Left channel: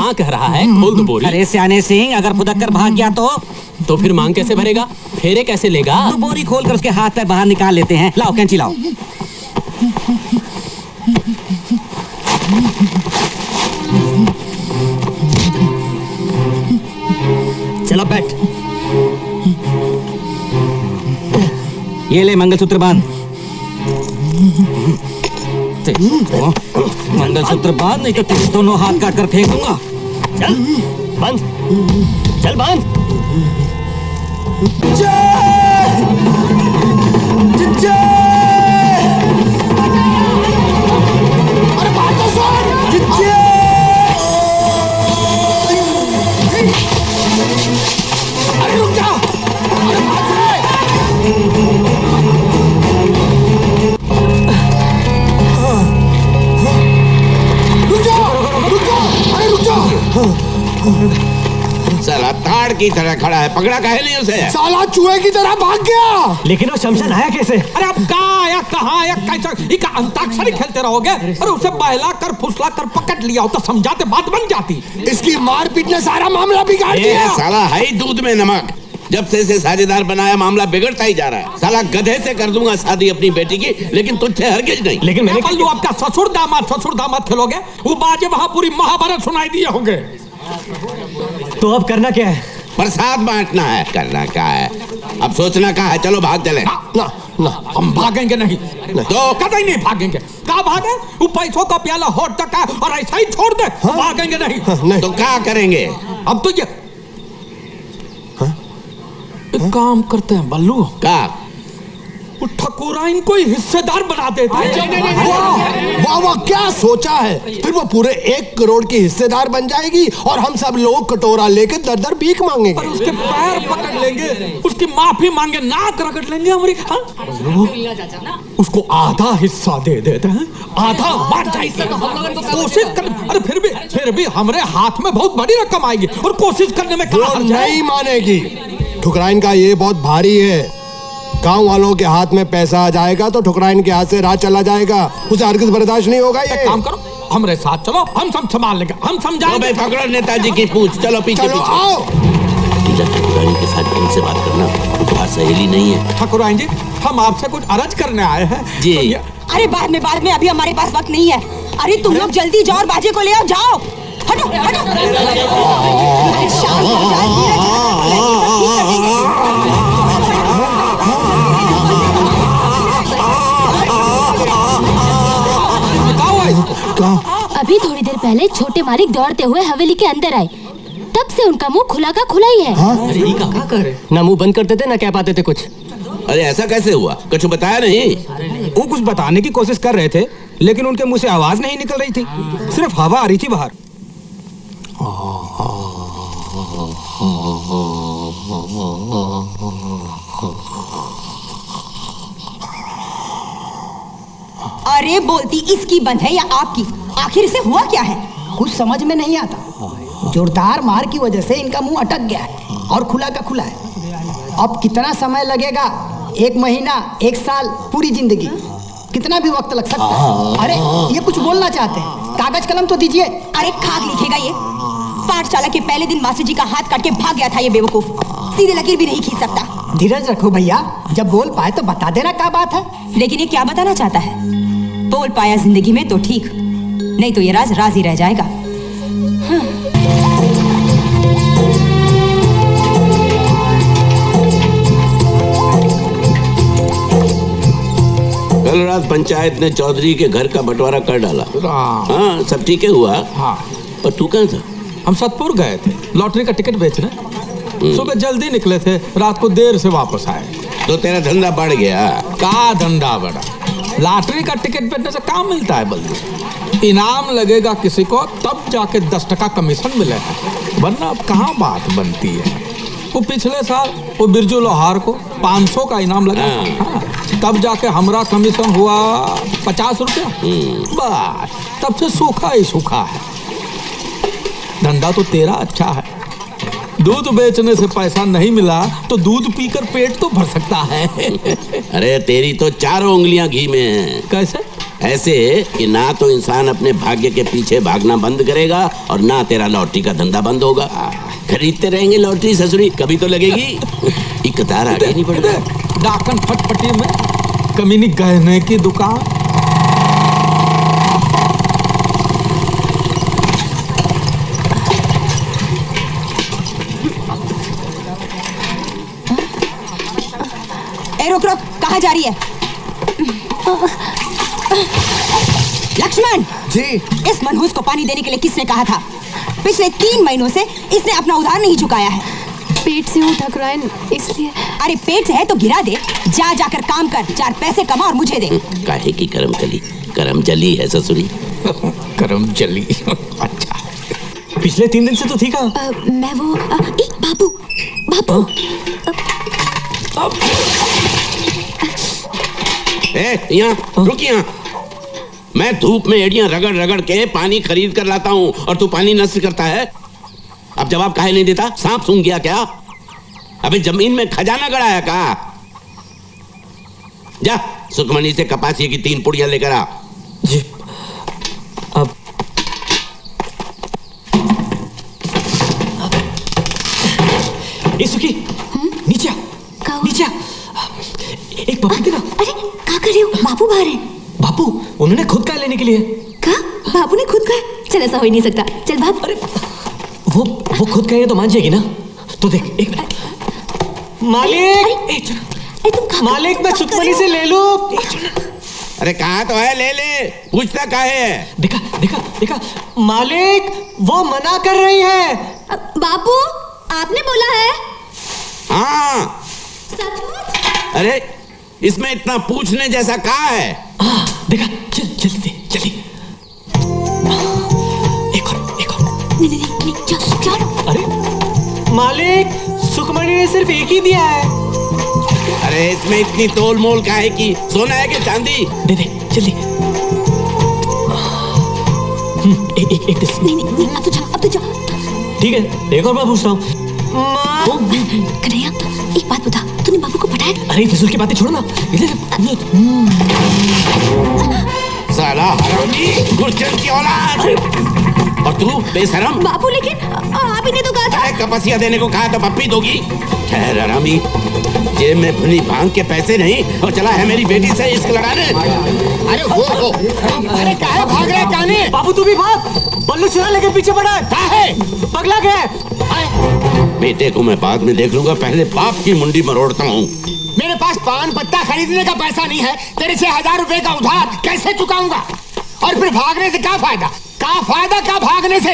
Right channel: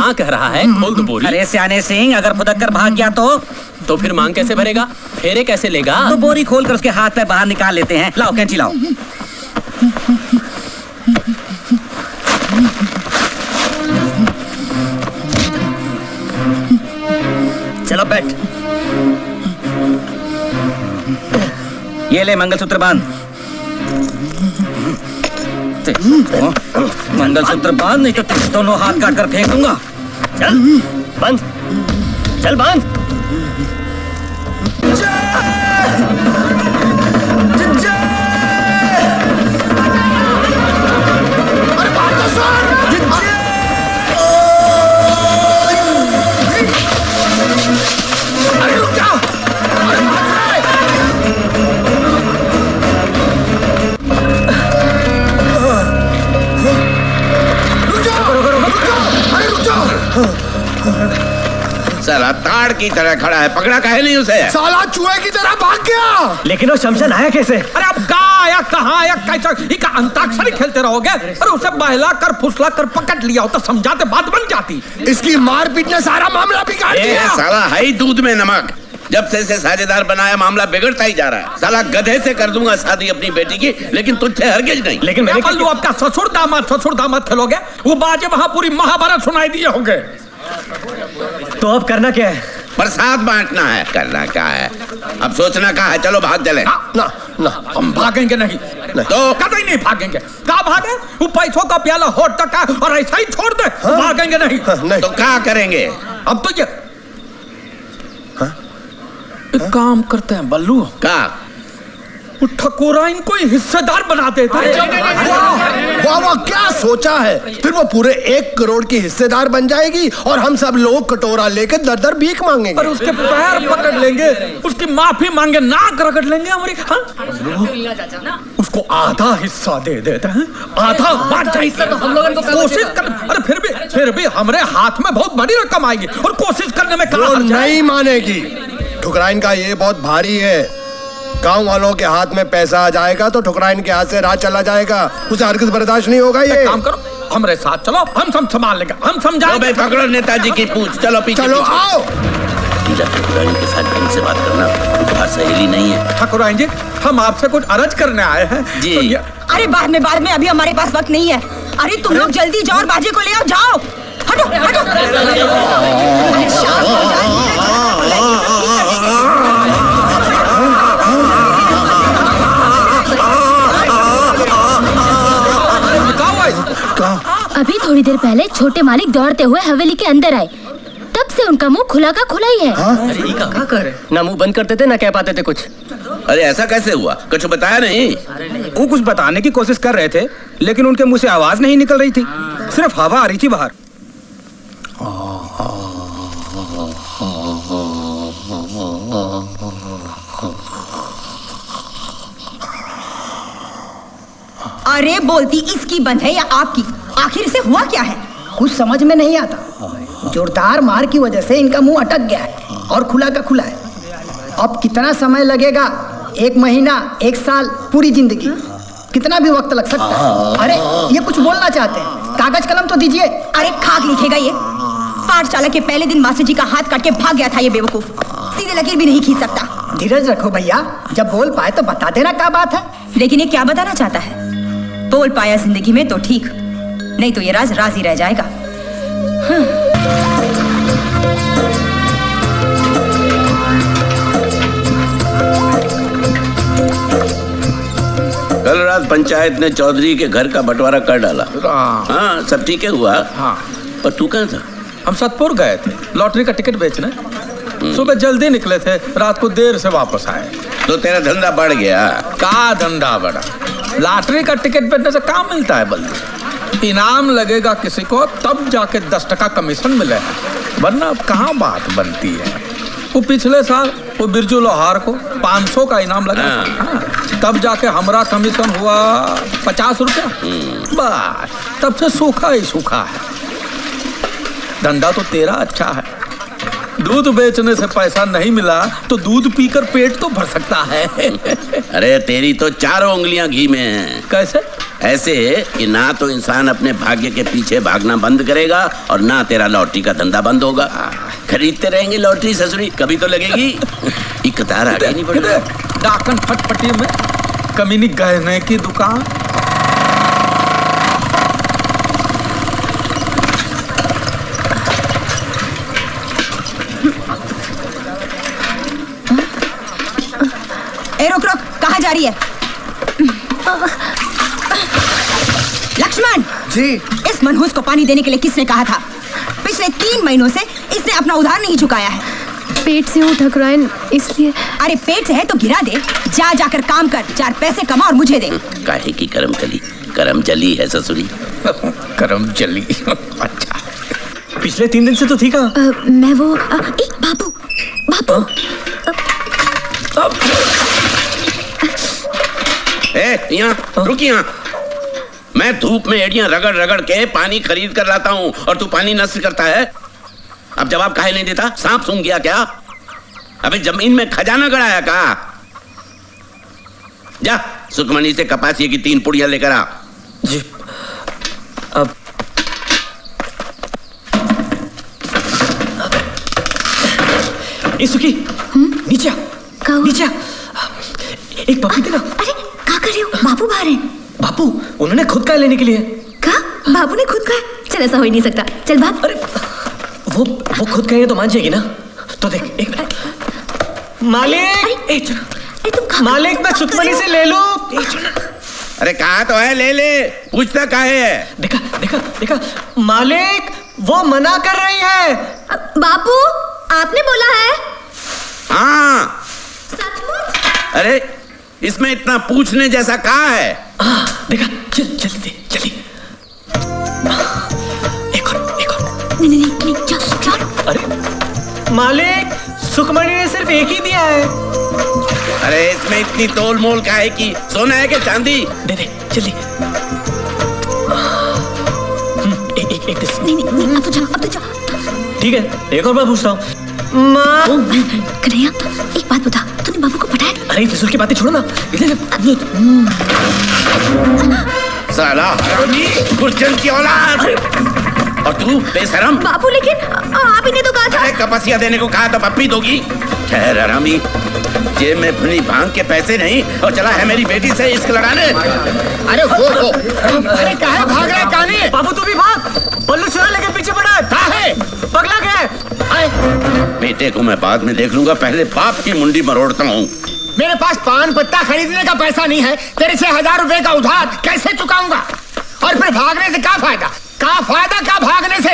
हाँ कह रहा है, खोल दो बोरी। अरे सियाने सिंह, अगर फुदक कर भाग गया तो फिर मांग कैसे भरेगा, फेरे कैसे लेगा? तो बोरी खोल कर उसके हाथ पैर बाहर निकाल लेते हैं। लाओ कैंची लाओ। चलो बैठ। ये ले मंगलसूत्र बांध। मंगलसूत्र बांध, नहीं तो तेरे दोनों हाथ काट कर फेंक दूंगा। चल बंद, चल बंद। अरे बात तो सुन। अरे रुक जा। अरे बात साला ताड़ की तरह खड़ा है, पकड़ा काहे नहीं उसे? साला चूहे की तरह भाग गया। लेकिन वो शमशान आया कैसे? अरे अब कहाँ आया, कहाँ आया, कैसा? इका अंताक्षरी खेलते रहोगे? अरे उसे बहला कर फुसला कर पकड़ लिया होता, समझाते बात बन जाती। इसकी मारपीट ने सारा मामला बिगाड़ दिया। साला है ही दूध में नमक। जब से इसे साझेदार बनाया मामला बिगड़ता ही जा रहा है। साला गधे से कर दूंगा शादी अपनी बेटी की, लेकिन तुझसे हरगिज नहीं। लेकिन मैं बोलूं, आपका ससुर दामाद खेलोगे? वो बाजे वहां पूरी महाभारत सुनाई दिए होंगे। तो अब करना क्या है? प्रसाद बांटना है। करना क्या है, अब सोचना क्या है। चलो भाग चले। ना हम भागेंगे नहीं, तो कतई नहीं भागेंगे। कहाँ भागे? वो पैसों का प्याला होठ तक है और ऐसा ही छोड़ दे। हाँ? भागेंगे नहीं। तो क्या करेंगे? अब तो ये एक काम करते हैं बल्लू, क्या? वो ठकुरा इनको हिस्सेदार बना देते हैं। वाह वाह, क्या सोचा है। फिर वो पूरे 1 करोड़ की हिस्सेदार बन जाएगी और हम सब लोग कटोरा लेके दर दर भीख मांगेंगे। और उसके पैर पकड़ लेंगे, उसकी माफी मांगे, नाक रगड़ लेंगे हमारी। हाँ? उसको आधा हिस्सा दे देते हैं, आधा बांट जाएगी। तो हम लोगों को कोशिश कर। अरे फिर भी हमारे हाथ में बहुत बड़ी रकम आएगी और कोशिश करने में वो नहीं मानेगी। ठुकराइन का ये बहुत भारी है। गांव वालों के हाथ में पैसा आ जाएगा तो ठुकराइन के हाथ से राज चला जाएगा। उसे हरगिज बर्दाश्त नहीं होगा। ये काम करो, हमारे साथ चलो, हम सब संभाल लेंगे, हम समझाएंगे। पकड़ो नेताजी की पूछ। चलो पीछे। चलो आओ। ठकुराइन के साथ ढंग से बात करना, तुम्हारी सहेली नहीं है। ठकुराइन जी, हम आपसे कुछ अर्ज करने आए हैं जी। अरे बाद में अभी हमारे पास वक्त नहीं है। अरे तुम लोग जल्दी जाओ और बाजे को ले आओ। जाओ, हटो हटो। अभी थोड़ी देर पहले छोटे मालिक दौड़ते हुए हवेली के अंदर आए, तब से उनका मुंह खुला का खुला ही है। अरे ये क्या करे? ना मुंह बंद करते थे ना कह पाते थे कुछ। अरे ऐसा कैसे हुआ, कुछ बताया नहीं? वो कुछ बताने की कोशिश कर रहे थे, लेकिन उनके मुंह से आवाज नहीं निकल रही थी, सिर्फ हवा आ रही थी बाहर। अरे बोलती इसकी बंद है या आपकी? आखिर इसे हुआ क्या है? कुछ समझ में नहीं आता। जोरदार मार की वजह से इनका मुंह अटक गया है और खुला का खुला है। अब कितना समय लगेगा? 1 महीना, 1 साल, पूरी जिंदगी, कितना भी वक्त लग सकता है। अरे ये कुछ बोलना चाहते हैं, कागज कलम तो दीजिए। अरे खाक लिखेगा ये। पाठशाला के पहले दिन मास्टर जी का हाथ काट के भाग गया था ये बेवकूफ। सीधी लकीर भी नहीं खींच सकता। धीरज रखो भैया, जब बोल पाए तो बता देना क्या बात है। लेकिन ये क्या बताना चाहता है? बोल पाया जिंदगी में तो ठीक, नहीं तो ये राज राज ही रह जाएगा। कल रात पंचायत ने चौधरी के घर का बंटवारा कर डाला। हाँ, सब ठीक है हुआ। हाँ। और तू कहाँ था? हम सतपुर गए थे लॉटरी का टिकट बेचने। सुबह जल्दी निकले थे, रात को देर से वापस आए। तो तेरा धंधा बढ़ गया? का धंधा बढ़ा? लॉटरी का टिकट बेचने से काम मिलता है बल्लू। इनाम लगेगा किसी को तब जाके 10% कमीशन मिले, वरना अब कहाँ बात बनती है। वो पिछले साल वो बिरजू लोहार को 500 का इनाम लगा। हाँ, तब जाके हमारा कमीशन हुआ 50 रुपया। बस तब से सूखा ही सूखा है। धंधा तो तेरा अच्छा है, दूध बेचने से पैसा नहीं मिला तो दूध पीकर पेट तो भर सकता है। अरे तेरी तो 4 उंगलियां घी में हैं। कैसे? ऐसे कि ना तो इंसान अपने भाग्य के पीछे भागना बंद करेगा और ना तेरा लॉटरी का धंधा बंद होगा। खरीदते रहेंगे लॉटरी ससुरी, कभी तो लगेगी। एक कतार आगे नहीं बढ़ रहा। डाकन फटपटी में कमीनी गहने की दुकान। ए रुक रुक, कहाँ जा रही है? लक्ष्मण जी। इस मनहूस को पानी देने के लिए किसने कहा था? पिछले 3 महीनों से इसने अपना उधार नहीं चुकाया है। पेट से हूँ ठकुराइन, इसलिए। अरे पेट से है तो गिरा दे, जा जाकर काम कर, 4 पैसे कमा और मुझे दे। काहे की करम कली, करम जली है ससुरी। करम जली। अच्छा, पिछले 3 दिन से तो थी कहाँ? मैं वो बाबू बाबू यहाँ रुक, यहाँ मैं धूप में एड़ियां रगड़ रगड़ के पानी खरीद कर लाता हूँ और तू पानी नष्ट करता है। अब जवाब काहे नहीं देता? सांप सूंघ गया क्या? अबे जमीन में खजाना गड़ाया का? जा सुखमनी से कपासिये की 3 पुड़ियां लेकर आ। जी। अब सुखी, नीचे आ, नीचे आ। एक पप्पी देना। अरे क्या कर रहे हो? बाबू बाहर है। बापू, उन्होंने खुद का लेने के लिए। क्या? बाबू ने खुद का? चल ऐसा हो ही नहीं सकता, चल भाग। अरे वो खुद कहे तो मान जाएगी ना? तो देख, एक मालिक, मालिक मैं सुखमनी से ले लूं। अरे कहा तो है, ले ले, पूछता काहे है? देखा देखा देखा, मालिक वो मना कर रही है। बापू आपने बोला है? हाँ। सचमुच? अरे इसमें इतना पूछने जैसा कहा है? देखा, चल जल्दी जल्दी। एक और। नहीं, चल। अरे मालिक, सुखमणी ने सिर्फ एक ही दिया है। अरे इसमें इतनी तोल मोल काहे की? सोना है कि चांदी? दे जल्दी। एक नहीं, अब तो जा। ठीक है, एक और बार पूछता हूँ। माँ कन्हैया, एक बात बता, तूने बाबू को पटाया? अरे फिजूल की बातें छोड़ो ना। साला हरामी, गुर्जन की औलाद। और तू बेशरम। बाबू लेकिन आप ही ने तो कहा था। अरे कपसिया देने को कहा तो पप्पी दोगी। ठहर हरामी, जेब में भुनी भांग के पैसे नहीं और चला है मेरी बेटी से इश्क लड़ाने। अरे वो अरे काहे भाग रहा है काने? बाबू तू भी भाग, बल्लू चुरा लेके पीछे पड़ा है। काहे? पगला गया। बेटे को मैं बाद में देख लूंगा, पहले बाप की मुंडी मरोड़ता हूँ। मेरे पास पान पत्ता खरीदने का पैसा नहीं है, तेरे से 1000 रुपए का उधार कैसे चुकाऊंगा? और फिर भागने से क्या फायदा? क्या भागने से?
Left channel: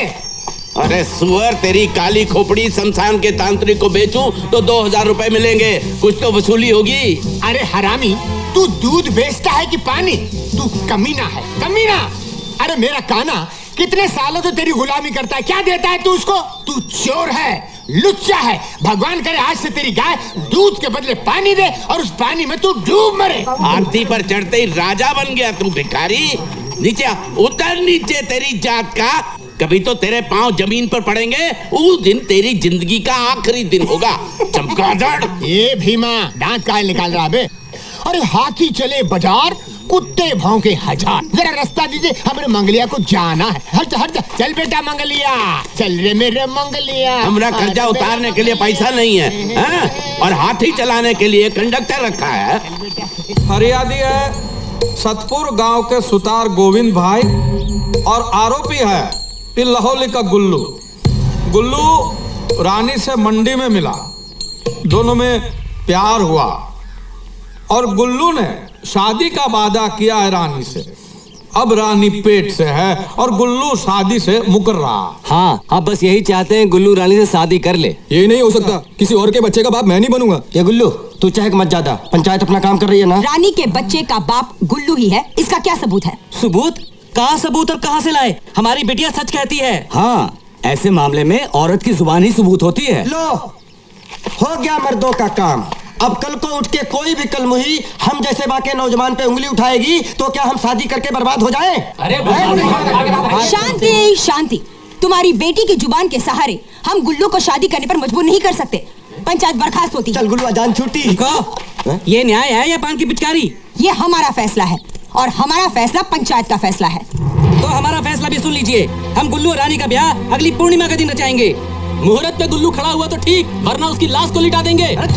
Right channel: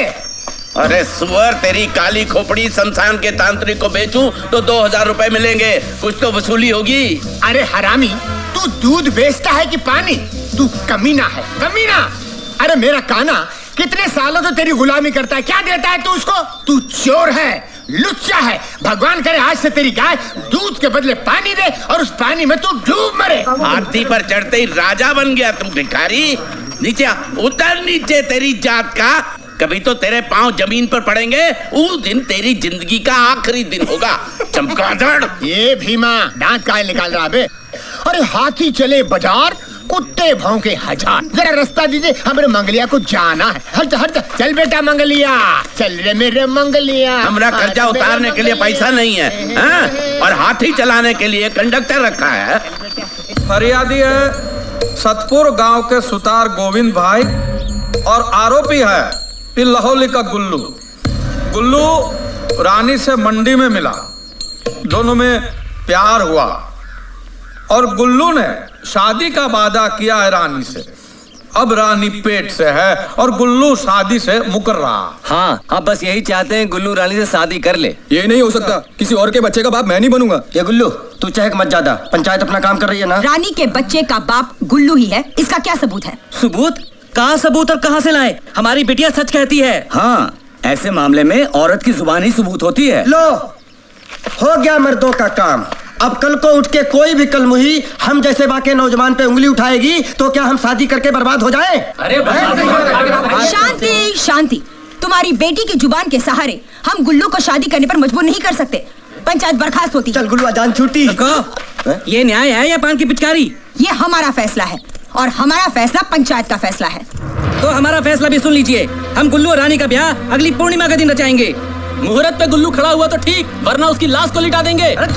अरे सुअर, तेरी काली खोपड़ी शमशान के तांत्रिक को बेचूं तो 2000 रुपए मिलेंगे, कुछ तो वसूली होगी। अरे हरामी, तू दूध बेचता है कि पानी? तू कमीना है, कमीना। अरे मेरा काना कितने सालों से तेरी गुलामी करता है, क्या देता है तू उसको? तू चोर है, लुच्चा है। भगवान करे आज से तेरी गाय दूध के बदले पानी दे और उस पानी में तू डूब मरे। हाथी पर चढ़ते ही राजा बन गया तू भिखारी। नीचे आ, उतर नीचे, तेरी जात का कभी तो तेरे पांव जमीन पर पड़ेंगे, उस दिन तेरी जिंदगी का आखिरी दिन होगा। चमगादड़। ये भीमा दांत काहे निकाल रहा बे? अरे हाथी चले बाजार, कुत्ते भौंके 1000। जरा रास्ता दीजिए, हमारे मंगलिया को जाना है। हट चल बेटा मंगलिया, चल रे मेरे मंगलिया। हमरा कर्जा उतारने के लिए पैसा नहीं है, हाँ? और हाथी चलाने के लिए कंडक्टर रखा है। फरियादी है सतपुर गांव के सुतार गोविंद भाई और आरोपी है लाहौली का गुल्लू रानी से मंडी में मिला, दोनों में प्यार हुआ और गुल्लू ने शादी का वादा किया है रानी से। अब रानी पेट से है और गुल्लू शादी से मुकर रहा। हाँ, अब बस यही चाहते हैं गुल्लू रानी से शादी कर ले। ये नहीं हो सकता, किसी और के बच्चे का बाप मैं नहीं बनूंगा। ये गुल्लू तू चहक मत ज्यादा, पंचायत अपना काम कर रही है ना। रानी के बच्चे का बाप गुल्लू ही है, इसका क्या सबूत है? सबूत? कहाँ सबूत और कहाँ से लाए? हमारी बिटिया सच कहती है। हाँ, ऐसे मामले में औरत की जुबान ही सबूत होती है। लो, हो गया मर्दों का काम। अब कल को उठ के कोई भी कलमुही हम जैसे बाकी नौजवान पे उंगली उठाएगी तो क्या हम शादी करके बर्बाद हो जाएं? अरे शांति शांति, तुम्हारी बेटी की जुबान के सहारे हम गुल्लू को शादी करने पर मजबूर नहीं कर सकते। पंचायत बर्खास्त होती। चल गुल्लू, अजान छुट्टी। ये न्याय है या पान की पिचकारी? ये हमारा फैसला है और हमारा फैसला पंचायत का फैसला है। तो हमारा फैसला भी सुन लीजिए। हम गुल्लू और रानी का ब्याह अगली पूर्णिमा का दिन रचाएंगे। मुहूर्त पे गुल्लू खड़ा हुआ तो ठीक, वरना उसकी लाश को लिटा देंगे। अगर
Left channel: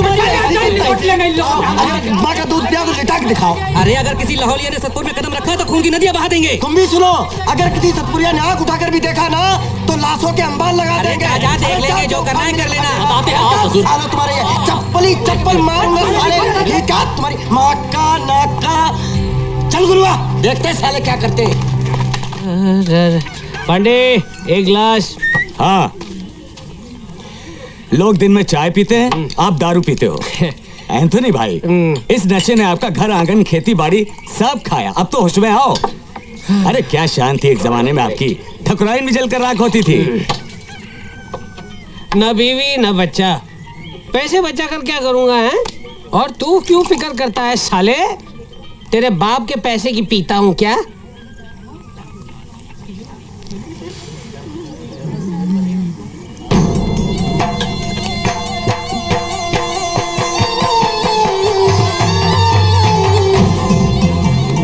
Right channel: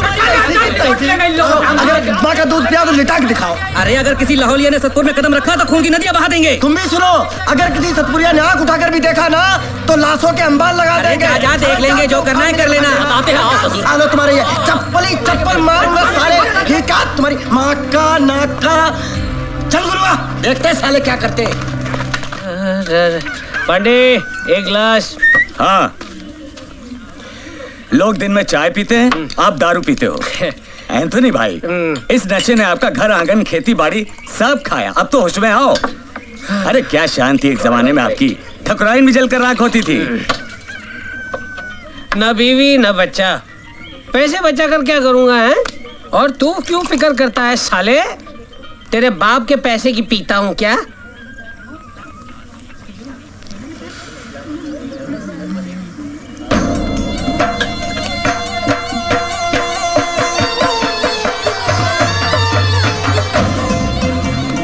माँ का दूध पिया तो लिटा के दिखाओ। अरे अगर किसी लाहौलिया ने सतपुर में कदम रखा तो खून की नदियां बहा देंगे। तुम भी सुनो, अगर किसी सतपुरिया ने आंख उठाकर भी देखा ना तो लाशों के अंबार लगा देंगे। जा देख लेंगे, जो करना है कर लेना। बताते हैं, आओ ससुर। सालो तुम्हारे ये चप्पल मारूंगा साले। ये क्या तुम्हारी माँ का नाक का। चल गुरुआ, देखते हैं साले क्या करते हैं। पांडे एक गिलास। हाँ, लोग दिन में चाय पीते हैं, आप दारू पीते हो। एंथोनी भाई, इस नशे ने आपका घर आंगन खेती बाड़ी सब खाया। अब तो होश में आओ। अरे क्या शान थी एक जमाने में आपकी, ठकुराइन भी जलकर राख होती थी। न बीवी न बच्चा, पैसे बचा कर क्या करूंगा है? और तू क्यों फिक्र करता है साले? तेरे बाप के पैसे की पीता हूं क्या?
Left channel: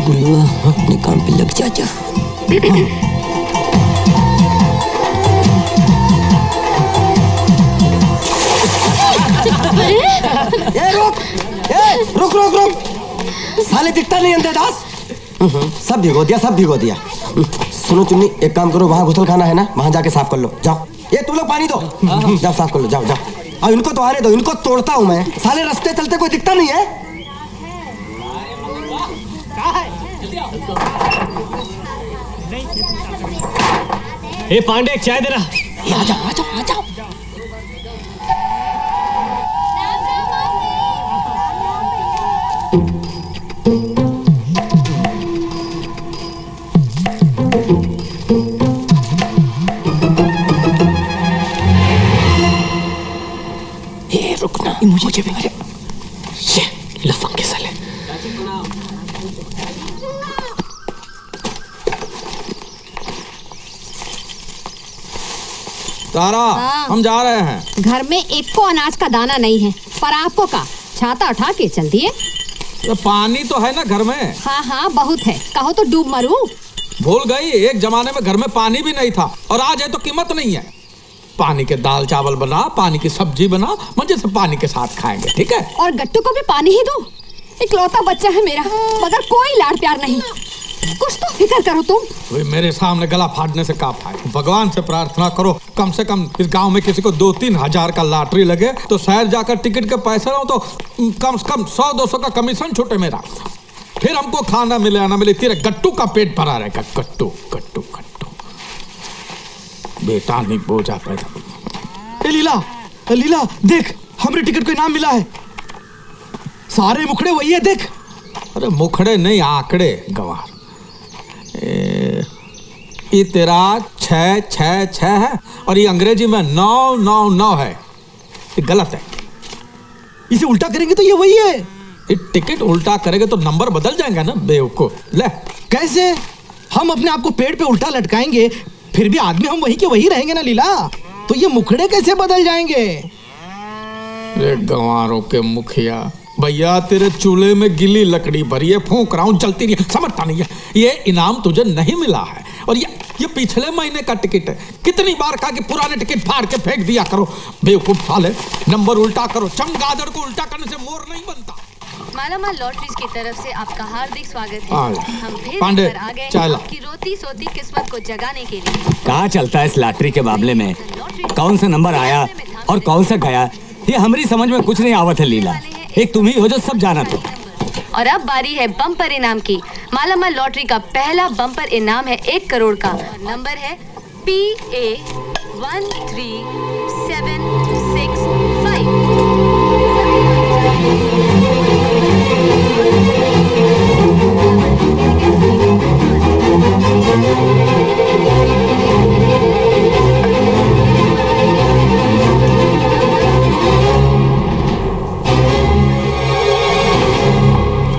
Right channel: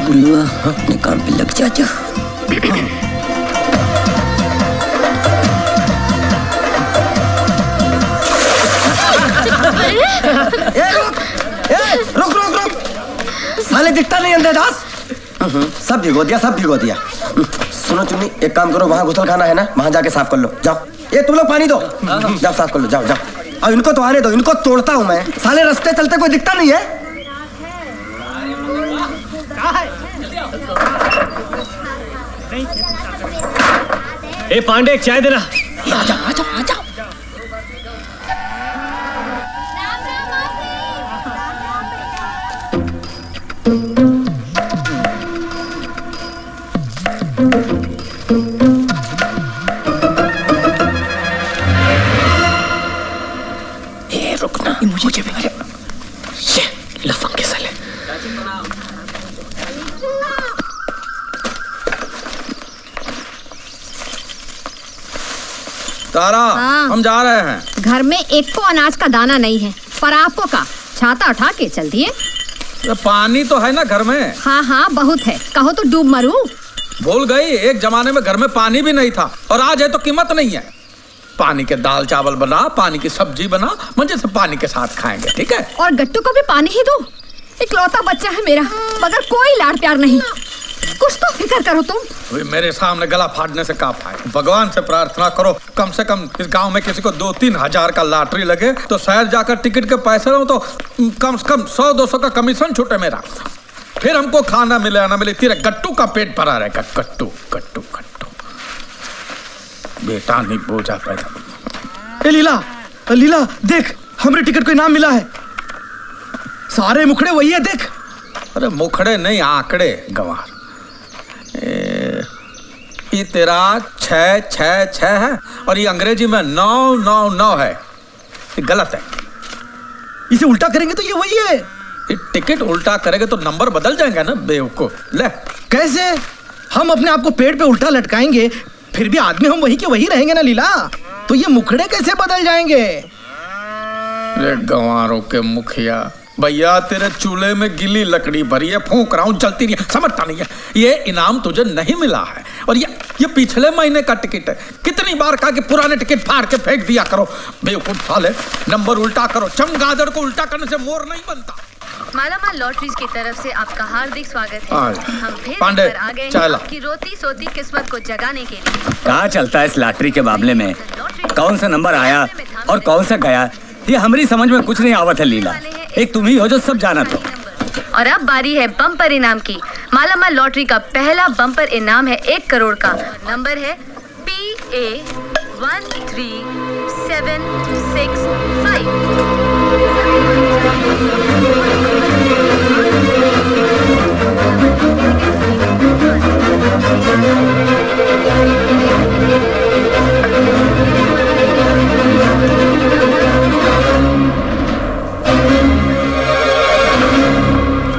गुल्लुआ, अपने काम पे लग जा। रुक। साले दिखता नहीं अंधेदास। सब भिगो दिया। सुनो चुन्नी, एक काम करो, वहाँ घुसल खाना है ना, वहाँ जाके साफ कर लो। जाओ, ये तुम लोग पानी दो, जाओ साफ कर लो। जाओ। अब इनको तो आने दो, इनको तोड़ता हूँ मैं। साले रास्ते चलते कोई दिखता नहीं है। ए पांडे, एक चाय देना। आ जाओ। ये रुकना, मुझे भी ये लफंग के साले। तारा, हाँ। हम जा रहे हैं। घर में एक को अनाज का दाना नहीं है, पर आपको का छाता उठा के चल दिए। पानी तो है ना घर में? हाँ बहुत है, कहो तो डूब मरूं। भूल गई, एक जमाने में घर में पानी भी नहीं था, और आज है तो कीमत नहीं है। पानी के दाल चावल बना, पानी की सब्जी बना, मजे से पानी के साथ खाएंगे, ठीक है? और गट्टू को भी पानी ही दो। इकलौता बच्चा है मेरा, मगर कोई लाड़ प्यार नहीं। कुछ तो फिक्र करो तुम। वे मेरे सामने गला फाड़ने से का फायदा? भगवान से प्रार्थना करो कम से कम इस गांव में किसी को 2-3 हजार का लॉटरी लगे तो शहर जाकर टिकट के पैसे रहो तो कम से कम 100-200 का कमीशन छूटे मेरा। फिर हमको खाना मिले या ना मिले, तेरे गट्टू का पेट भरा रहेगा। गट्टू बेटा नहीं बोझा पैदा। लीला देख, हमरे टिकट को इनाम मिला है। सारे मुखड़े वही है, देख। अरे मुखड़े नहीं, आंकड़े गंवार। ये तेरा 666 है और ये अंग्रेजी में 999 है। ये गलत है। इसे उल्टा करेंगे तो ये वही है। ये टिकट उल्टा करेंगे तो नंबर बदल जाएंगे ना बेवकूफ। ले, कैसे? हम अपने आप को पेड़ पे उल्टा लटकाएंगे, फिर भी आदमी हम वही के वही रहेंगे ना लीला। तो ये मुखड़े कैसे बदल जाएंगे? रे गंवारों के मुखिया, भैया तेरे चूल्हे में गिली लकड़ी भरी है, फूंक रहा हूं, जलती नहीं है, समझता नहीं है। ये इनाम तुझे नहीं मिला है, और ये पिछले महीने का टिकट है। कितनी बार कहा कि पुराने टिकट फाड़ के फेंक दिया करो, बेवकूफ साले। नंबर उल्टा करो, चमगादड़ को उल्टा करने से मोर नहीं बनता। मालामाल लॉटरीज की तरफ से आपका हार्दिक स्वागत है। हम फिर पांडे, आ गए हैं चाय ला। आपकी रोती सोती किस्मत को जगाने के लिए। कहाँ चलता है इस लॉटरी के मामले में? कौन सा नंबर आया और कौन सा गया, ये हमारी समझ में कुछ नहीं आवत है लीला। एक तुम ही हो जो सब जाना तो। और अब बारी है बम्पर इनाम की। मालामाल लॉटरी का पहला बम्पर इनाम है 1 करोड़ का। नंबर है PA 135।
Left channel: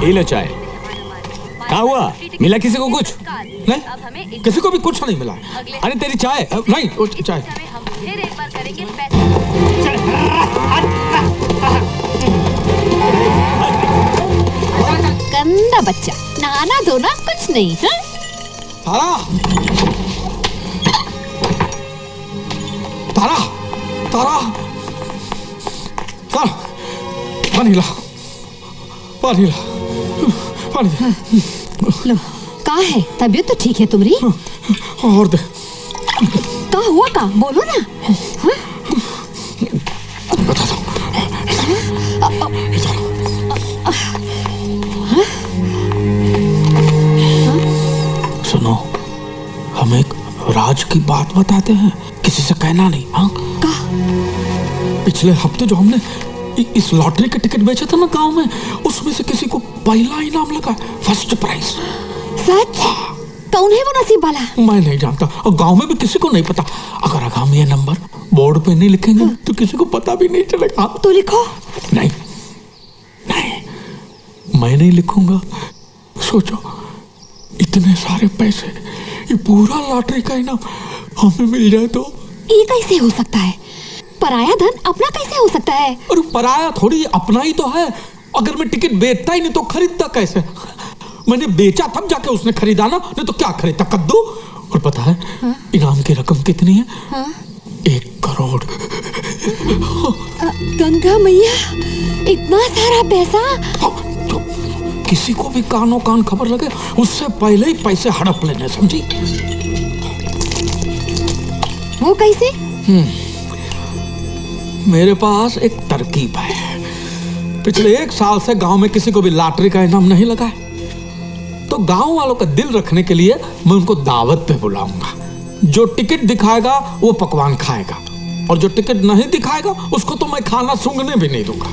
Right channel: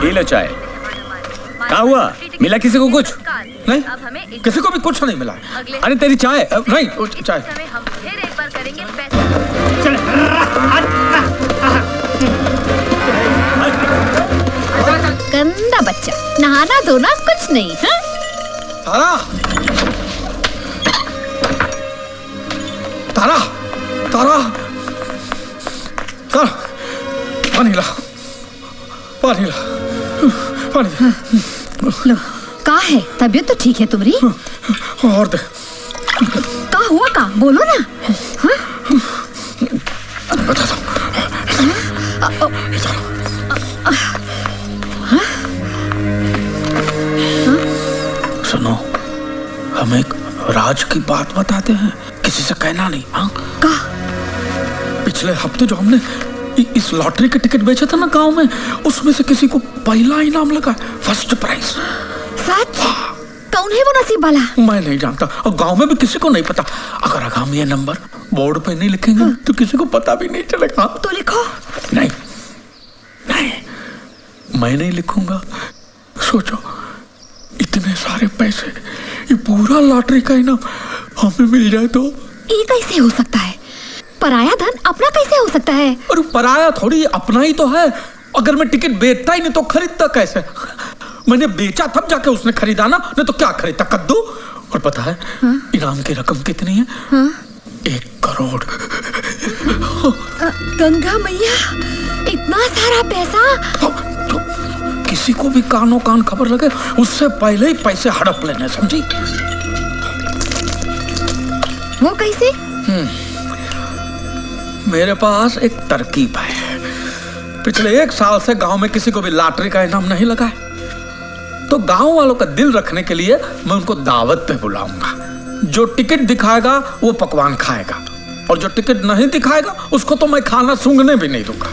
लो चाय। क्या हुआ, मिला किसी को कुछ? नहीं, किसी को भी कुछ नहीं मिला। अरे तेरी चाय नहीं, चाय। हम फिर एक बार करेंगे गंदा बच्चा, नहाना धोना कुछ नहीं। हाँ? तारा तारा तारा तारा, पानी ला, पानी ला, पानी लो, कहाँ है? तबीयत तो ठीक है तुम्हारी? और दे। कहाँ हुआ का? बोलो ना। हाँ? बता दो। सुनो, हम एक राज की बात बताते हैं, किसी से कहना नहीं। हाँ? पिछले हफ्ते जो हमने इस लॉटरी के टिकट बेचे थे ना गांव में, उसमें से किसी को पहला इनाम लगा, फर्स्ट प्राइज। सच? कौन है वो नसीब वाला? मैं नहीं जानता, और गांव में भी किसी को नहीं पता। अगर हम ये नंबर बोर्ड पे नहीं लिखेंगे तो किसी को पता भी नहीं चलेगा। तो लिखो। नहीं नहीं, मैं नहीं लिखूंगा। सोचो, इतने सारे पैसे, ये पूरा लॉटरी का इनाम हमें मिल जाए तो। ये कैसे हो सकता है? पराया धन अपना कैसे हो सकता है? अरे पराया थोड़ी, अपना ही तो है। अगर मैं टिकट बेचता ही नहीं तो खरीदता कैसे? मैंने बेचा तब जाके उसने खरीदा ना, नहीं तो क्या खरीदता, कद्दू। और पता है इनाम की रकम कितनी है? 1 करोड़। गंगा मैया, इतना सारा पैसा! किसी को भी कानों कान खबर लगे, उससे पहले ही पैसे हड़प लेने, समझी? वो कैसे? मेरे पास एक तरकीब है। पिछले 1 साल से गांव में किसी को भी लॉटरी का इनाम नहीं लगा है, तो गांव वालों का दिल रखने के लिए मैं उनको दावत पे बुलाऊंगा। जो टिकट दिखाएगा वो पकवान खाएगा, और जो टिकट नहीं दिखाएगा उसको तो मैं खाना सूंघने भी नहीं दूंगा।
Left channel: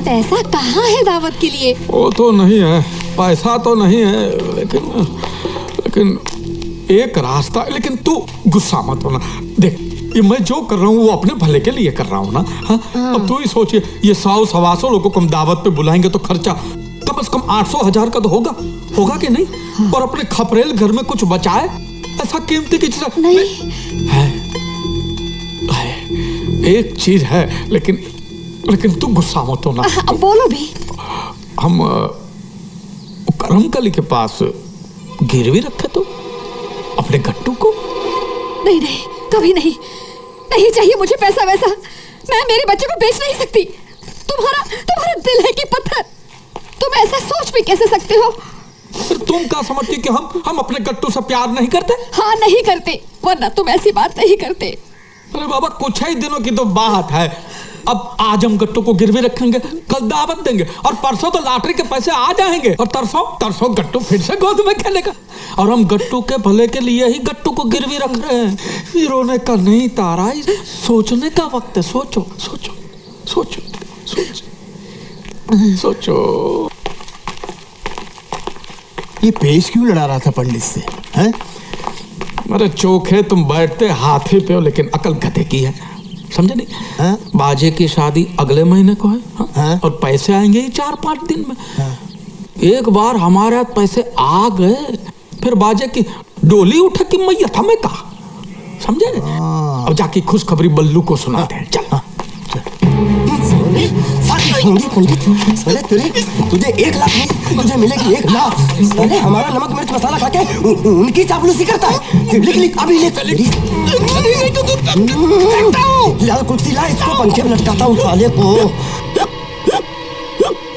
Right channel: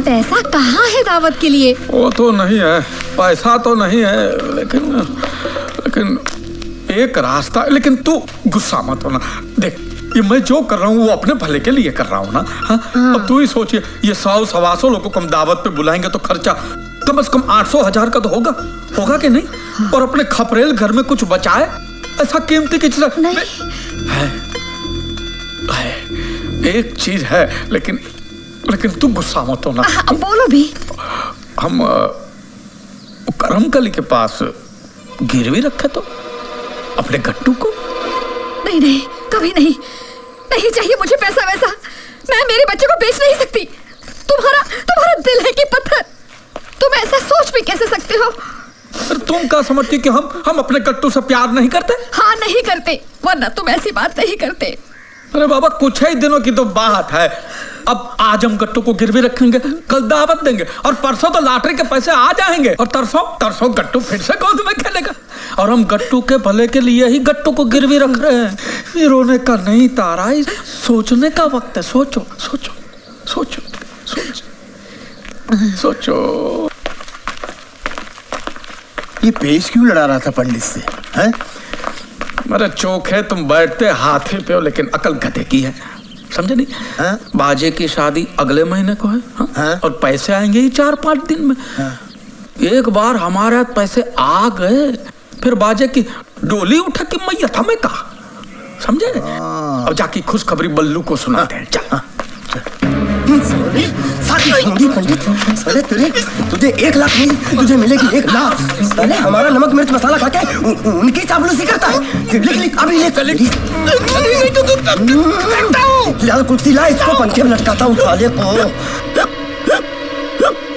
पैसा कहाँ है दावत के लिए? वो तो नहीं है, पैसा तो नहीं है, लेकिन एक रास्ता। लेकिन तू गुस्सा मत होना। देख, ये मैं जो कर रहा हूँ वो अपने भले के लिए कर रहा हूँ ना। हाँ? अब तू ही सोचिए, ये 100-125 लोगों को हम दावत पे बुलाएंगे तो खर्चा कम से कम 800-1000 का तो होगा कि नहीं? और अपने खपरेल घर में कुछ बचाए, ऐसा कीमती की चीज नहीं है। एक चीज है, लेकिन तू गुस्सा मत होना। बोलो भी। हम करमकली के पास गिरवी रखे तो अपने गट्टू को। नहीं नहीं, कभी नहीं, नहीं चाहिए मुझे पैसा वैसा। मैं मेरे बच्चे को बेच नहीं सकती। तुम्हारा दिल है कि पत्थर? तुम ऐसा सोच भी कैसे सकते हो? तुम क्या समझती कि हम अपने गट्टू से प्यार नहीं करते? हाँ, नहीं करते, वरना तुम ऐसी बात नहीं करते। अरे बाबा, कुछ ही दिनों की तो बात है। अब आज हम गट्टू को गिरवी रखेंगे, कल दावत देंगे, और परसों तो लॉटरी के पैसे आ जाएंगे, और तरसों गट्टू फिर से गोद में खेलेगा। और हम गट्टू के भले के लिए ही गट्टू को गिरवी रख रहे हैं। ये रोने का नहीं तारा, सोचने का वक्त है। सोचो सोचो सोचो सोचो सोचो। ये पेश क्यों लड़ा रहा था पंडित से? हैं? मेरे चोखे, तुम बैठते हाथी पे हो, लेकिन अकल गधे की है, समझे नहीं? बाजे की शादी अगले महीने को है, और पैसे आएंगे ही 4-5 दिन में। एक बार हमारे हाथ पैसे आ गए, फिर बाजे की डोली उठे कि मैया था मैं कहा, समझे? अब जाके खुशखबरी बल्लू को सुनाते हैं। चल। पंडित, साले तुझे 1 लाख नहीं, तुझे मिलेगी 1 लाख। साले हमारा नमक मिर्च मसाला खा के उनकी चापलूसी करता है। लिख अभी लिख। लाल कुर्सी ला, इसको पंखे में लटकाता हूँ साले को।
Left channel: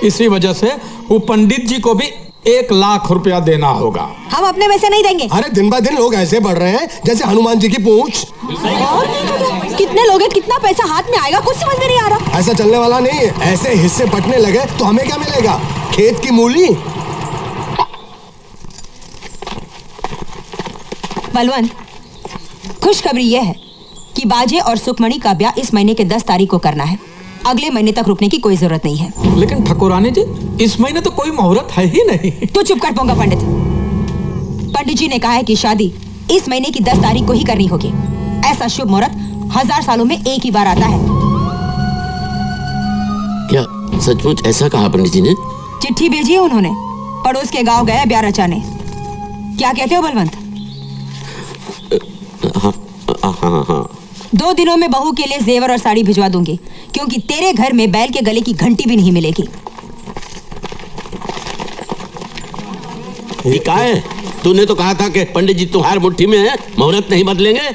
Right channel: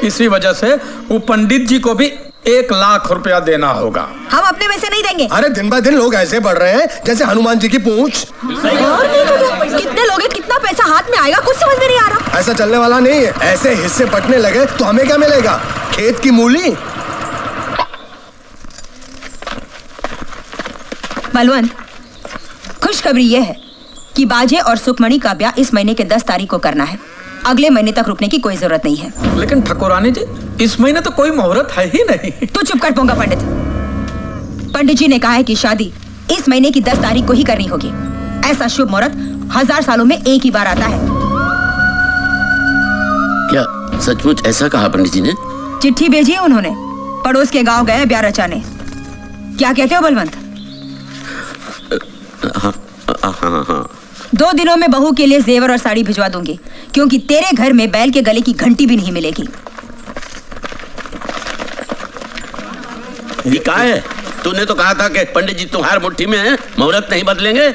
इसी वजह से वो पंडित जी को भी 1 लाख रुपया देना होगा। हम अपने पैसे नहीं देंगे। अरे दिन ब दिन लोग ऐसे बढ़ रहे हैं जैसे हनुमान जी की पूंछ। कितने लोग हैं, कितना पैसा हाथ में आएगा, कुछ समझ में नहीं आ रहा। ऐसा चलने वाला नहीं है। ऐसे हिस्से बंटने लगे तो हमें क्या मिलेगा? खेत की मूली। बलवंत, खुशखबरी यह है कि बाजे और सुखमणि का ब्याह इस महीने के 10 तारीख को करना है। अगले महीने तक रुकने की कोई जरूरत नहीं है। लेकिन ठाकुरानी जी, इस महीने तो कोई मुहूर्त है ही नहीं। तू चुप कर पोंगा पंडित। पंडित जी ने कहा है कि शादी इस महीने की 10 तारीख को ही करनी होगी। ऐसा शुभ मुहूर्त 1000 सालों में एक ही बार आता है। क्या सचमुच ऐसा कहा पंडित जी ने? चिट्ठी भेजी है उन्होंने। पड़ोस के गांव गए ब्याह रचाने। क्या कहते हो बलवंत? हाँ। 2 दिनों में बहू के लिए जेवर और साड़ी भिजवा दूंगी, क्योंकि तेरे घर में बैल के गले की घंटी भी नहीं मिलेगी। ये क्या है? तूने तो कहा था कि पंडित जी तुम्हारी मुट्ठी में है, मुहूर्त नहीं बदलेंगे।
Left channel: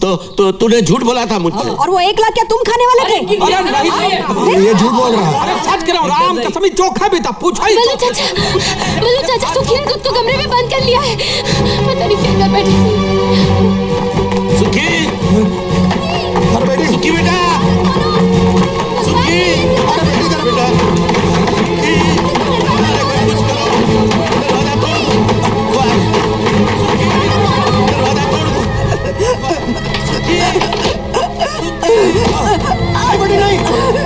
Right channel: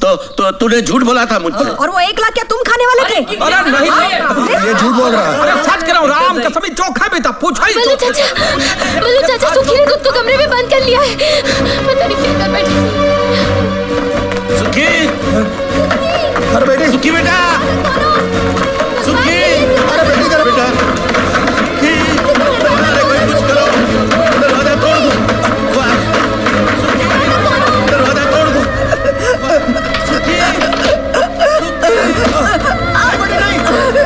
तो तूने झूठ बोला था मुझसे। और वो 1 लाख क्या तुम खाने वाले थे? अरे नहीं, ये झूठ बोल रहा है। अरे सच कह रहा हूँ, राम कसम ही चोखा भी था। पूछा ही बल्लू चाचा सुखी ने खुद को कमरे में बंद कर लिया है। पता नहीं क्या कर बैठी। सुखी, अरे बेटी, सुखी बेटा, सुखी, अरे बेटी जरा बेटा, सुखी, अरे कोई कुछ करो, दरवाजा तोड़ दो, दरवाजा तोड़ दो। सुखी, बेटी नहीं,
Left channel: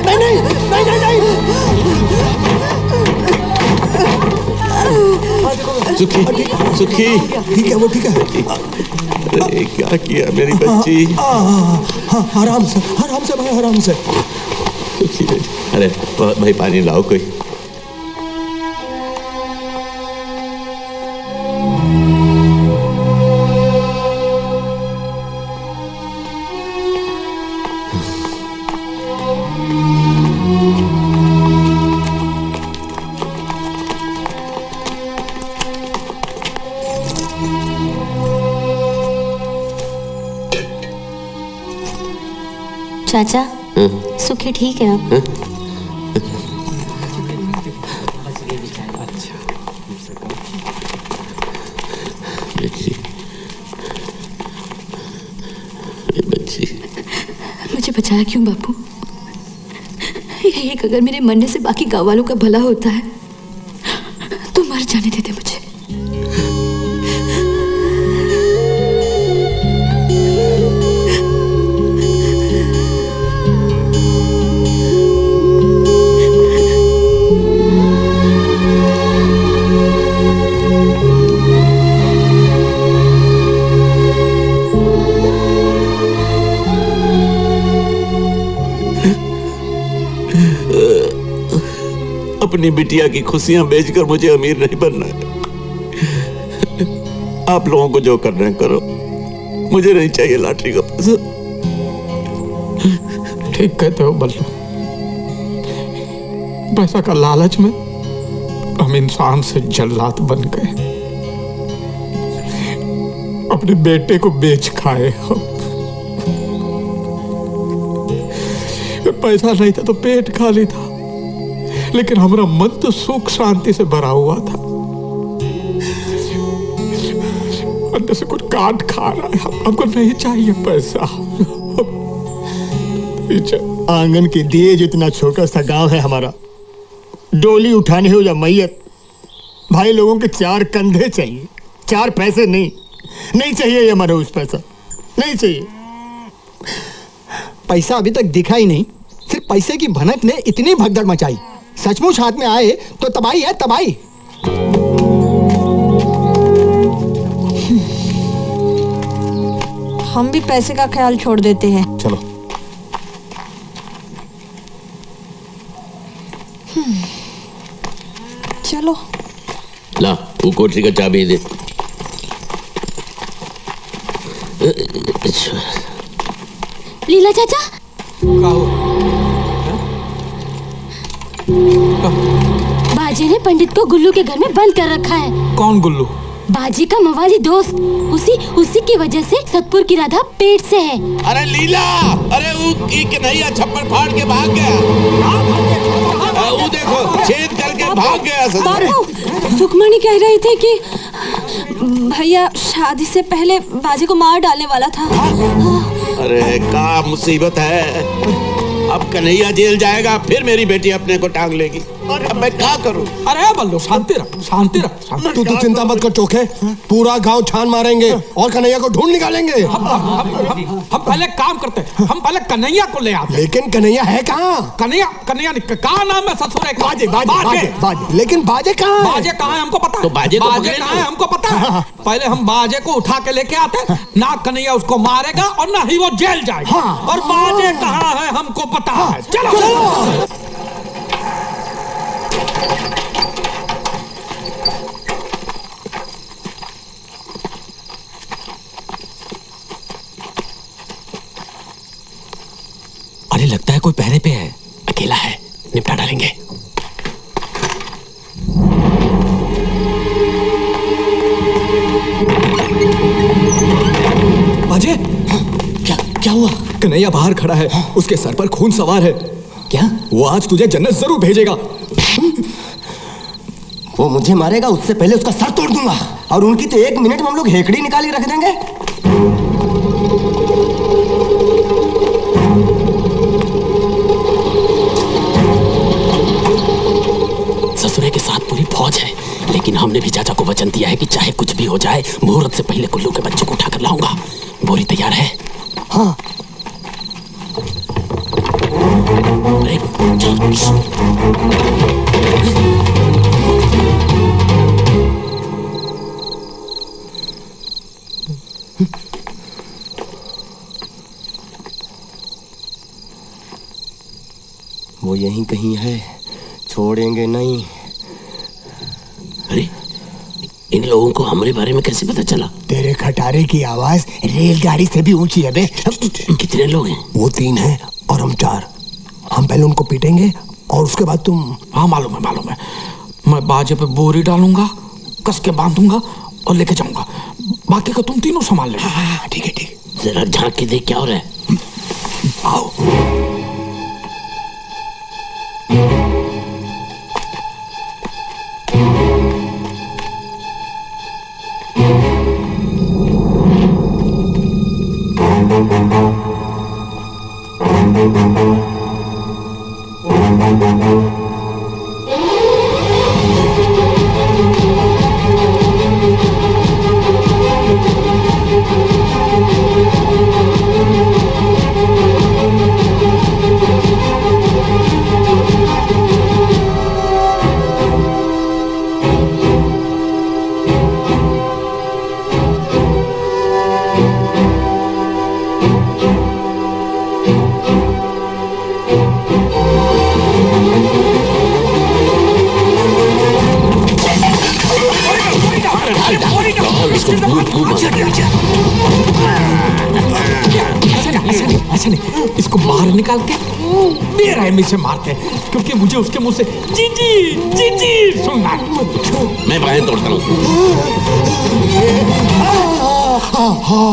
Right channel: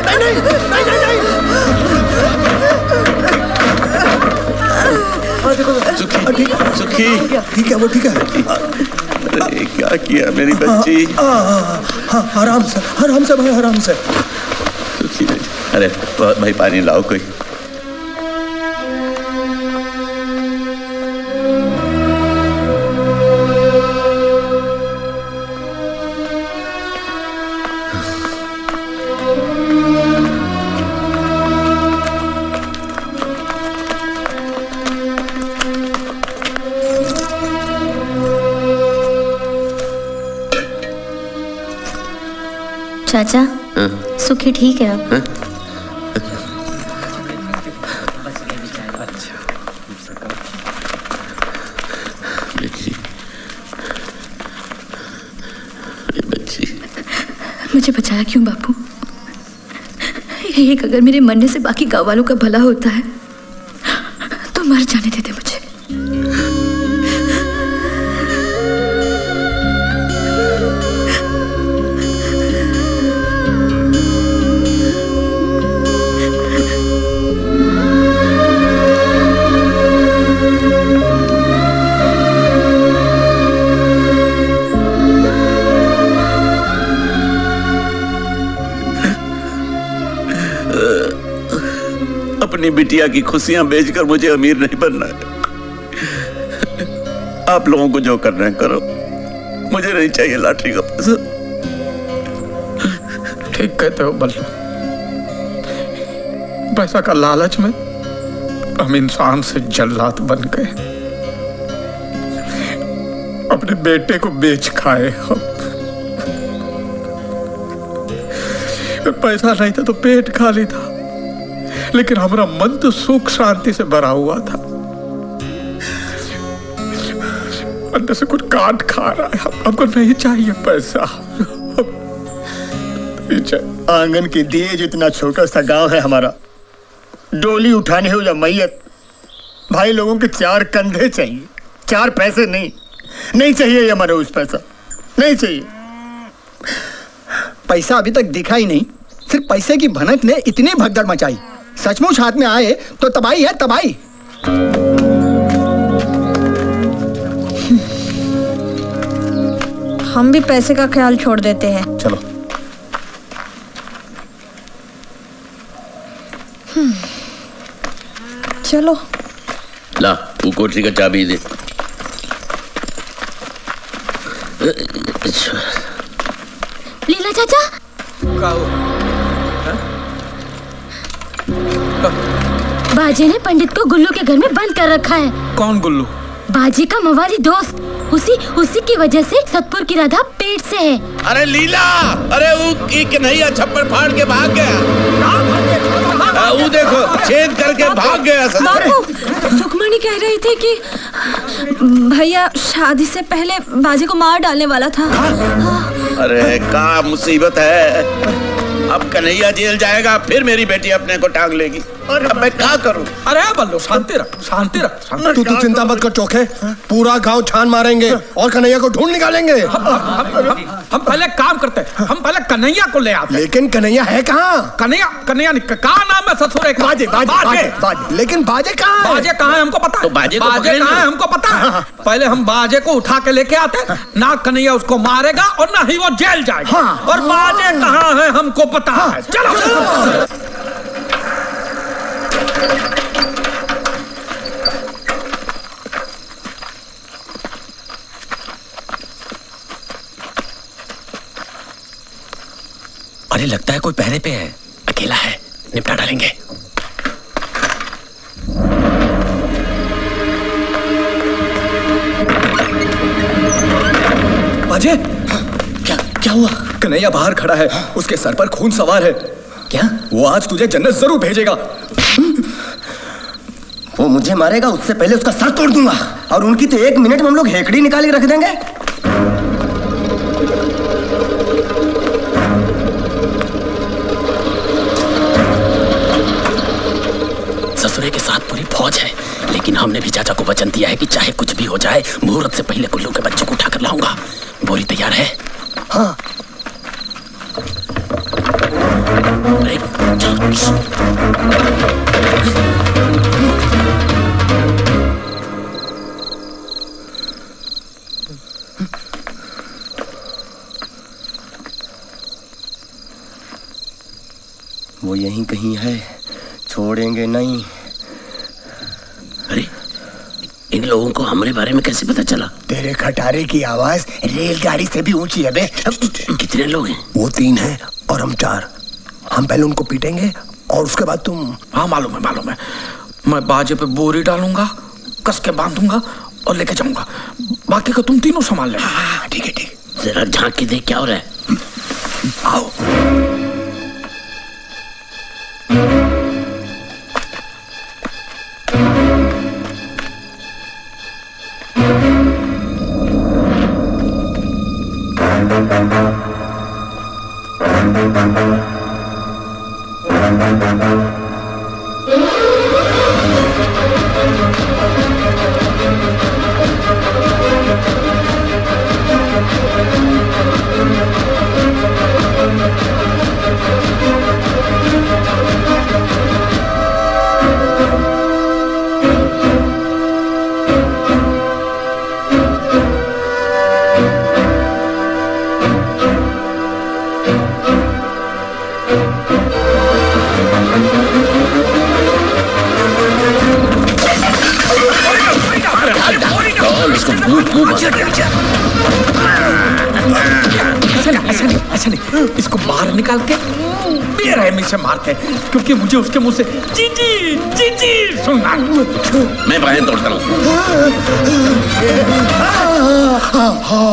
नहीं नहीं नहीं नहीं नहीं। सुखी, सुखी, ठीक है, वो ठीक है। अरे क्या किया मेरी बच्ची? आराम से भाई, आराम से। सुखी बेटी, अरे भाई पानी लाओ कोई। चाचा, सुखी ठीक है अब? बच्ची, मुझे बचाया क्यों बापू? एक अगर मेरे मरने से बाकी गाँव वालों का भला होता है तो मर जाने देते मुझे। अपनी बिटिया की खुशियां बेचकर मुझे अमीर नहीं बनना है। आप लोगों को जो करना है करो, मुझे नहीं चाहिए लॉटरी का पैसा। ठीक कहते हो बल्लू, पैसा का लालच में हम इंसान से जल्लाद बन गए, अपने बेटे को बेच खाए हम। पैसा नहीं था तो पेट खाली था, लेकिन हमारा मन तो सुख शांति से भरा हुआ था। अंदर से कुछ काट खा रहा है। हमको नहीं चाहिए पैसा, नहीं चाहिए। आंगन के दिए जितना छोटा सा गांव है हमारा, डोली उठाने हो या मैयत, भाई लोगों के 4 कंधे चाहिए, 4 पैसे नहीं। नहीं चाहिए ये मनोज पैसा, नहीं चाहिए। पैसा अभी तक दिखा ही नहीं, सिर्फ पैसे की भनक ने इतनी भगदड़ मचाई। सचमुच हाथ में आए तो तबाही है, तबाही। हम भी पैसे का ख्याल छोड़ देते हैं। चलो। चलो ला, वो कोठरी का चाबी दे। लीला चाचा, बाजी ने पंडित को गुल्लू के घर में बंद कर रखा है। कौन गुल्लू? बाजी का मवाली दोस्त। उसी की वजह से सतपुर की राधा पेट से है। अरे लीला, अरे वो की कन्हैया छप्पर फाड़ के भाग गया। वो देखो छेद करके भाग गया। बापू, सुखमणि कह रही थी कि भैया शादी से पहले बाजी को मार डालने वाला था। अरे क्या मुसीबत है, अब कन्हैया जेल जाएगा, फिर मेरी बेटी अपने को टांग लेगी। अब मैं क्या करूं? अरे बल्लू शांति रख, शांति रख। तू चिंता मत कर चोखे, पूरा गांव छान मारेंगे और कन्हैया को ढूंढ निकालेंगे। हम पहले काम करते हैं, हम पहले कन्हैया को ले आते। लेकिन कन्हैया है कहाँ? कन्हैया कहाँ नाम है ससुर है? बाजे। लेकिन बाजे कहाँ है? बाजे कहाँ है हमको पता है। तो बाजे को बाजे कहाँ है हमको पता है। पहले हम बाजे को उठा के लेके आते, ना कन्हैया उसको मारेगा और ना ही वो जेल जाएगा। और बाजे कहाँ है हमको पता है। चलो। अरे लगता है कोई पहरे पे है, अकेला है, निपटा डालेंगे। बाजे क्या हुआ? कन्हैया बाहर खड़ा है, उसके सर पर खून सवार है। क्या? वो आज तुझे जन्नत जरूर भेजेगा। वो मुझे मारेगा, उससे पहले उसका सर तोड़ दूंगा। और उनकी तो 1 मिनट में हम लोग हेकड़ी निकाल के रख देंगे। ससुरे के साथ पूरी फौज है, लेकिन हमने भी चाचा को वचन दिया है कि चाहे कुछ भी हो जाए, मुहूर्त से पहले कुल्लू के बच्चे को उठाकर लाऊंगा। बोरी तैयार है? हाँ। वो यहीं कहीं है, छोड़ेंगे नहीं। अरे इन लोगों को हमारे बारे में कैसे पता चला? तेरे खटारे की आवाज रेलगाड़ी से भी ऊंची है बे। कितने लोग हैं? वो 3 हैं और हम 4। हम पहले उनको पीटेंगे और उसके बाद तुम। हाँ मालूम है। मैं बाजे पे बोरी डालूंगा, कस के बांधूंगा और लेके जाऊंगा। बाकी का तुम तीनों संभाल लेना। ठीक है। जरा झांक के देख क्या हो रहा है। आओ। ऐसा नहीं, इसको बाहर निकाल के बेरहमी से मारते हैं, क्योंकि मुझे उसके मुंह से जी सुनना। मैं बाहें तोड़ता हूँ।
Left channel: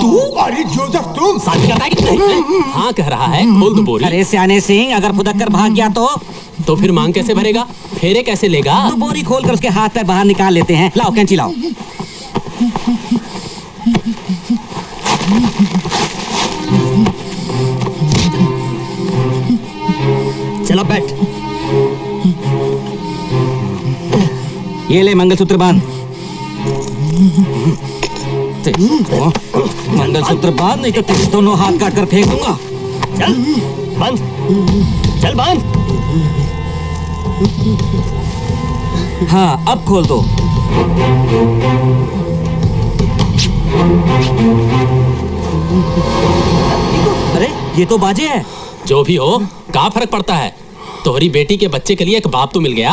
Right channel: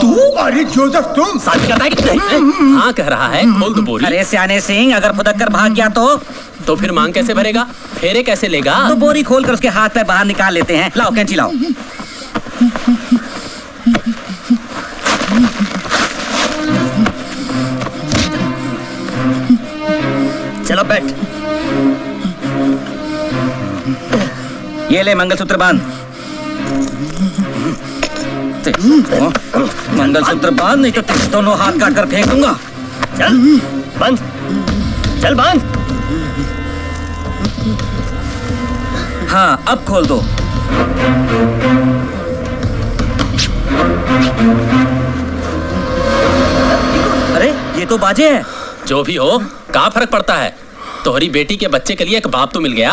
तू? अरे जोसेफ तुम? हाँ कह रहा है, खोल दो बोरी। अरे सियाने सिंह, अगर फुदक कर भाग गया तो फिर मांग कैसे भरेगा? फेरे कैसे लेगा? तो बोरी खोल कर उसके हाथ पैर बाहर निकाल लेते हैं। लाओ कैंची लाओ। चलो बैठ। ये ले मंगलसूत्र बांध। मंगलसूत्र बांध, नहीं तो तेरे दोनों हाथ काट कर फेंक दूंगा। चल बांध, चल बांध। हाँ अब खोल दो। अरे ये तो बाजे है। जो भी हो, क्या फर्क पड़ता है? तोहरी बेटी के बच्चे के लिए एक बाप तो मिल गया।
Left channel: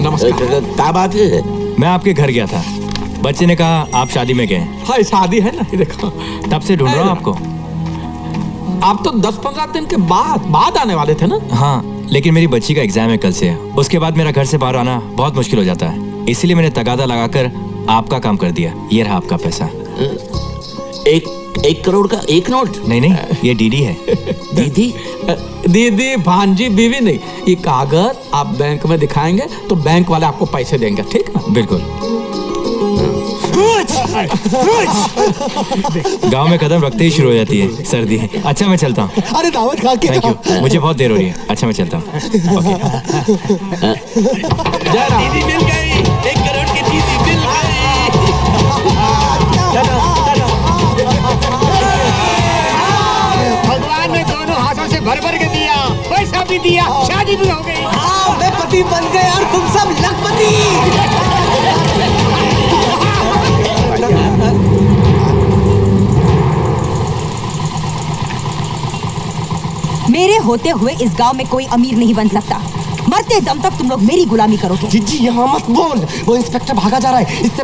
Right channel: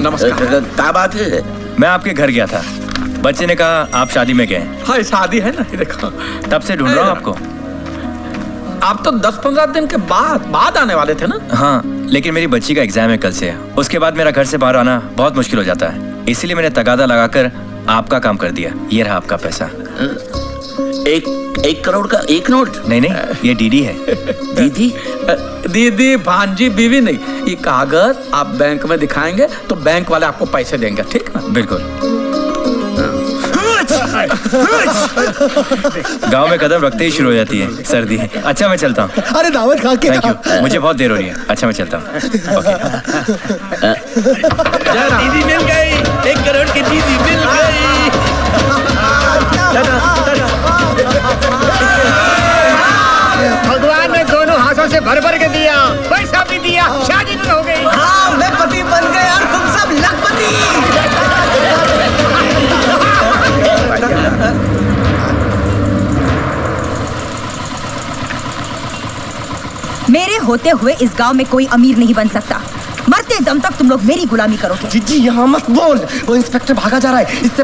नमस्कार। क्या बात है? मैं आपके घर गया था, बच्चे ने कहा आप शादी में गए। हाँ शादी है ना, ये देखो। तब से ढूंढ रहा हूँ आपको। आप तो 10-15 दिन के बाद आने वाले थे ना? हाँ, लेकिन मेरी बच्ची का एग्जाम है कल से। उसके बाद मेरा घर से बाहर आना बहुत मुश्किल हो जाता है, इसीलिए मैंने तगादा लगाकर आपका काम कर दिया। ये रहा आपका पैसा। 1 करोड़ का 1 नोट? नहीं, ये डीडी है। दीदी भांजी बीवी नहीं, ये कागज आप बैंक में दिखाएंगे तो बैंक वाले आपको पैसे देंगे, ठीक ना? बिल्कुल। गांव में कदम रखते ही शुरू हो जाती है सर्दी। अच्छा मैं चलता हूँ। अरे दावत खा के। थैंक यू, मुझे बहुत देर हो रही है। अच्छा मैं चलता हूँ। दीदी मिल गई, 1 करोड़ की दीदी मिल गई। भगवान ने दोनों हाथों से भर भर के दिया, पैसा भी दिया, शादी भी हो गई। हाँ मैं पति बन गए और तुम सब लखपति। मेरे होते हुए इस गांव में कोई अमीर नहीं बन सकता। मरते दम तक तुम लोग मेरी गुलामी करोगे। जीजी यहाँ मत बोल, वो इंस्पेक्टर भागा जा रहा है। इससे